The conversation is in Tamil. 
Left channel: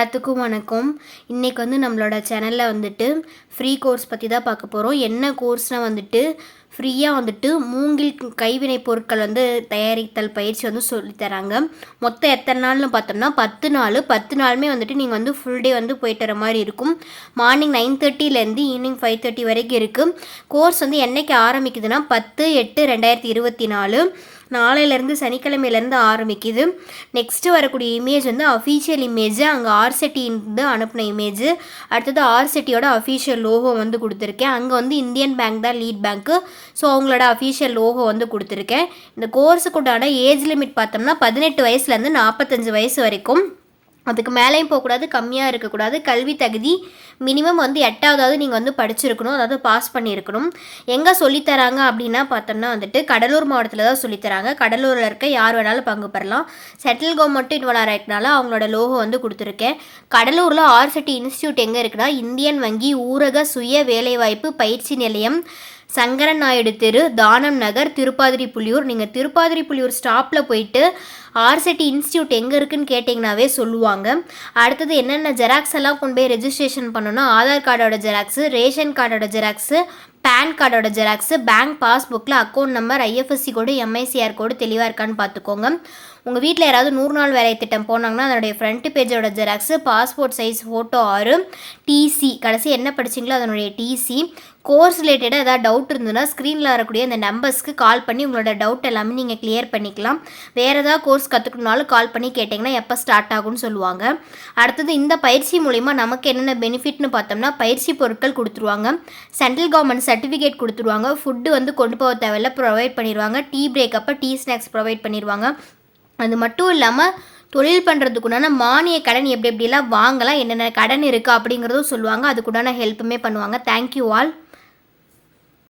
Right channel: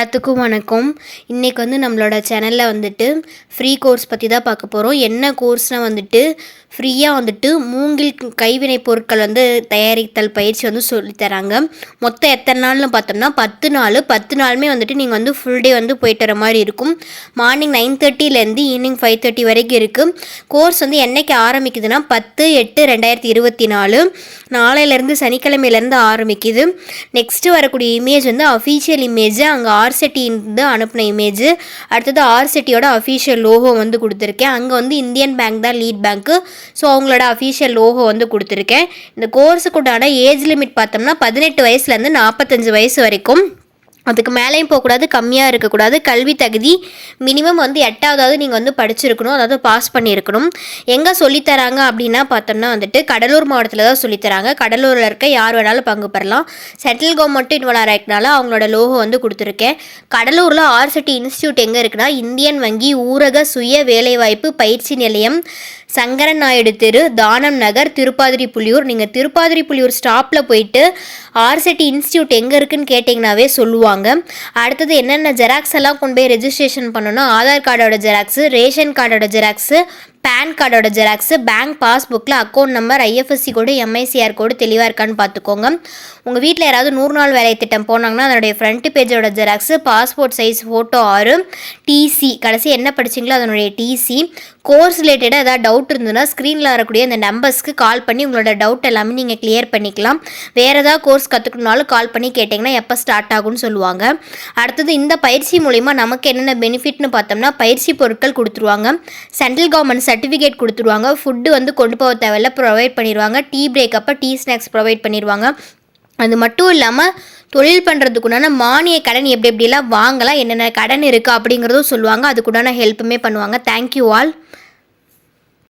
எல்லாத்துக்கும் வணக்கம். இன்றைக்கி நம்மளோட சேனலில் ஃப்ரீ கோர்ஸ் பற்றி தான் பார்க்க போகிறோம். என்ன கோர்ஸ்னால் ஃப்ரீயாக மூங்கில் கைவினை பொருட்கள் தயாரித்தல் பயிற்சி சொல்லித்தராங்க. மொத்தம் எத்தனை நாள்னு பார்த்தோம்னா 10 நாள். 10 நாளுமே நீங்கள் ஃபுல் டே போயிட்டு வர மாதிரி இருக்கும். மார்னிங் 9:30 ஈவினிங் 5:30 வரைக்கும் இருக்குது. கோர்ஸ் என்றைக்கு ஆரம்பிக்குதுன்னா 10/8/2024 நாளையிலேருந்து சனிக்கிழமையிலேருந்து ஆரம்பிக்குது. நெக்ஸ்ட்டு வரக்கூடிய இமேஜ் அஃபீஷியல் இமேஜ், அங்கே ஆர்செட்டி அனுப்பின இமேஜ். அடுத்தது ஆர்செட்டியோட அஃபீஷியல் லோகோ கொடுத்துருக்கேன். அங்கே இந்தியன் பேங்க் தான் லீட் பேங்க்கு. ஸோ அவங்களோட அஃபீஷியல் லோகோ கொடுத்துருக்கேன். இந்த கோர்ஸுக்குண்டான ஏஜ் லிமிட் பார்த்தோம்னா 18 வயசுலேருந்து 45 வயசு வரைக்கும். அதுக்கு மேலேயும் போகக்கூடாது, கம்மியாக இருக்கக்கூடாது. கல்வி தகுதி மினிமம் 8வது நீங்கள் படிச்சிருக்கணும், அதாவது பாஸ் பண்ணியிருக்கணும். எங்கே சொல்லித்தராங்க அப்படின்னா பார்த்தோம்னா கடலூர் மாவட்டத்தில் தான் சொல்லித்தராங்க. கடலூரில் இருக்க யார் வேணாலும் பங்கு பெறலாம். சென்ட்ரல் கவர்மெண்ட்டு இன்வால்வ் ஆகிக்கனால அவங்களோட லோகோ கொடுத்துருக்கேன். கடலூரில் ஆர்செட்டி இன்ஸ்டியூட் எங்கே இருக்குன்னா இந்தியன் வங்கி ஊரக சுய வேலைவாய்ப்பு பயிற்சி நிலையம், சங்கரன் நாயுடு தெரு, தானம் நகர், திருப்பாதிரிப்புலியூர். நீங்கள் திருப்பாதிரிப்புலியூர் ஸ்டாப்பில் போயிட்டு ஆர்செட்டி இன்ஸ்டியூட் எங்கே இருக்குதுன்னு கேட்டிங்கனாவே சொல்லுவாங்க. அடுத்தது என்னென்ன ஜெராக்ஸ் எல்லாம் கொண்டு போய் ரெஜிஸ்ட்ரேஷன் பண்ணணும்னா ஆதார் கார்டோட ஜெராக்ஸு, ரேஷன் கார்டோட ஜெராக்ஸு, பேன் கார்டோட ஜெராக்ஸு, பேங்க் பாஸ்புக்கில் account number, IFSC code, MICR code தெளிவாக இருக்கான்னு பார்த்துக்கோங்க. உங்கள் வீட்டில் யாராவது 100 நாள் வேலை திட்டம் போனாங்கன்னா அதனுடைய ஃப்ரண்ட் பேஜோட xerox, passport size photo 6, TC கடைசி என்ன படிச்சிங்களோ அதனுடைய டிசி. கோர்ஸ் ரிலேட்டடாக ஏதாவது டவுட் இருந்ததுன்னா ஸ்க்ரீனில் வரக்கூடிய அந்த நம்பர்ஸ்க்கு கால் பண்ணி உங்களோட டவுட் எல்லாமே நீங்கள் கிளியர் பண்ணிக்கலாம். வேறு ஏதாவது கோர்ஸ் கற்றுக்கணுனாலும் கால் பண்ணி கேட்டிங்கன்னா எப்போ ஸ்டார்ட் ஆகும்னு சொல்லுவாங்க. அடுத்தது இந்த பயிற்சி மூலிமா நமக்கு என்னென்ன பெனிஃபிட்னு பார்த்தோம்னா பயிற்சி பொருட்கள் கொடுத்துருவாங்க, சென்ட்ரல் கவர்மெண்ட் சர்டிஃபிகேட் கொடுத்துருவாங்க, ஃபுட்டு கொண்டு போக தேவையில்ல ப்ரொவைட் பண்ணிடுவாங்க, டீ பிரேக் அப்போ டீ ஸ்நாக்ஸ் ப்ரொவைட் பண்ணிடுவாங்க. அது மட்டும் இல்லாமல் தொழில் பண்ணுறதுக்குண்டான மானிய கடன் எப்படிலாம் வாங்கலாம், என்னென்ன கடன் இருக்குது அப்படிங்கிறதும் சொல்லுவாங்க. அதுக்குண்டான ஹெல்ப்புமே பண்ணுவாங்க. Thank you all.